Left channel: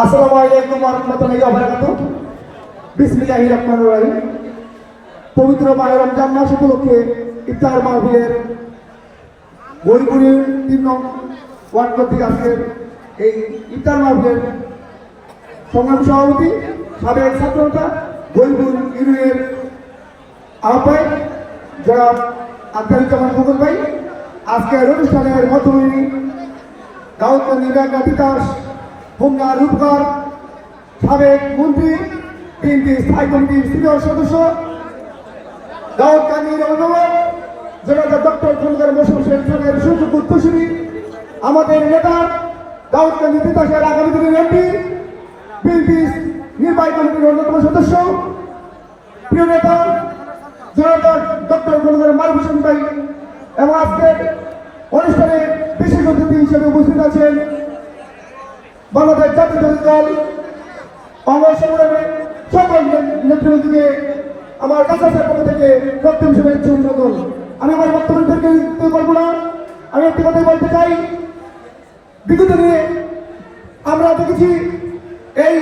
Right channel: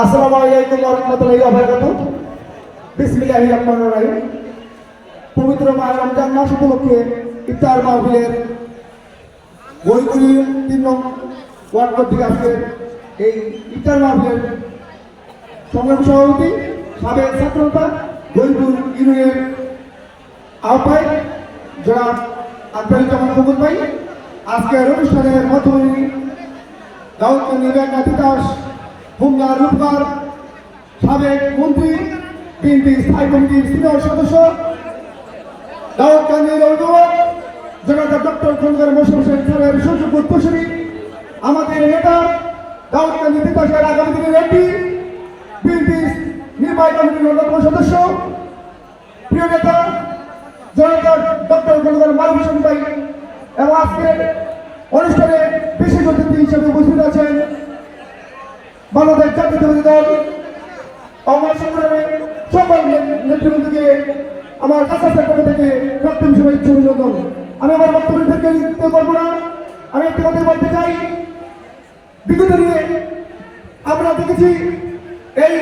আসসালামু আলাইকুম ওয়া রাহমাতুল্লাহি ওয়া বারাকাতুহু। বিসমিল্লাহির রহমানির রহিম। পবিত্র মাহে রমজান মাস উপলক্ষে ইফতার মাহফিলের বইগুলি 3 নং ওয়ার্ড কর্তৃক আজকের এই ইফতার মাহফিলের সংগ্রামী সভাপতি সাবেক ছাত্রনেতা গরিবুল ইউনিয়নের আহ্বায়ক যারা আব্দুল জামান ফুকন ভাই আজকের অনুষ্ঠানের মধ্যমণি দাউদকান্দি নির্বাচন তিতাস হোমনা রূপকার সাবেক মন্ত্রী বিএনপি স্থায়ী কমিটির সিনিয়র সদস্য দাউদকান্দির অভিভাবক জনতা ডক্টর খন্দকার মোশাররফ হোসেন স্যারের সুযোগ্য উত্তরসূরি আমাদের নেতা দাউদকান্দি তিতাসের আগামী দিনের এমপি বিএনপি নির্বাহী কমিটির অন্যতম সদস্য প্রিয় নেতা জনতা ডক্টর খন্দকার মালিক হোসেন ভাই এবং আজকের অনুষ্ঠানে বিশেষ অতিথি হিসেবে উপস্থিত আছেন বাংলাদেশ জাতীয়তাবাদী দল অঙ্গ সংগ্রামে সকল নেতৃবৃন্দকে আমার কাছের পক্ষ থেকে প্রথম শুভেচ্ছা অভিনন্দন। আমি আমার বক্তব্যকে দিতে পারবো না, আমি একটি কথা বলতে চাই। বিগত দিনে আমরা দেখেছি এই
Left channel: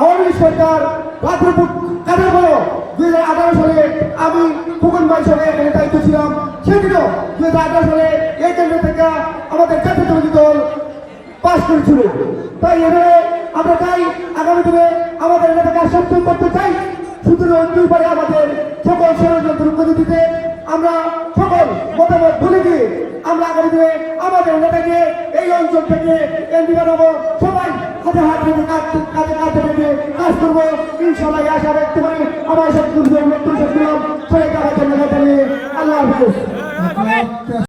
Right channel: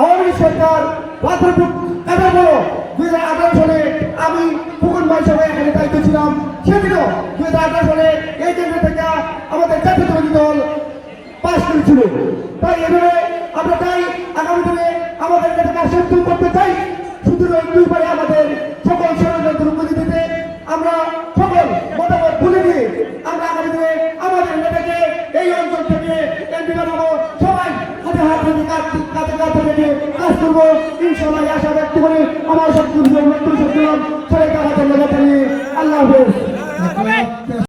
আওয়ামী লীগ সরকার বাথরুম কাটা হলো 2018 সালে আমি ফুকন ভাই সঙ্গে এখানে দায়িত্ব ছিলাম। সেদিনও 2018 সালে এই কেন্দ্র থেকে আমাদের জাতীয়তাবাদী দল পাশ করেছিল। তাই এভাবে আমরা চাই আগামী দিনে আমাদের এলাকাকে সক্ষম করতে চাই। শুধু দুই পারে আমাদের সকল ষড়যন্ত্র করে দিতে আমরা সকল মতামত ভুলে দিয়ে আমরা আগামী দিনে আমাদের এলাকাকে এই অঞ্চল থেকে এমপি বানাবো। সবাই হাতে হাত ধরে কাজে কাজ করবো ইনশাআল্লাহ। আশা ব্যক্ত করে আমার সব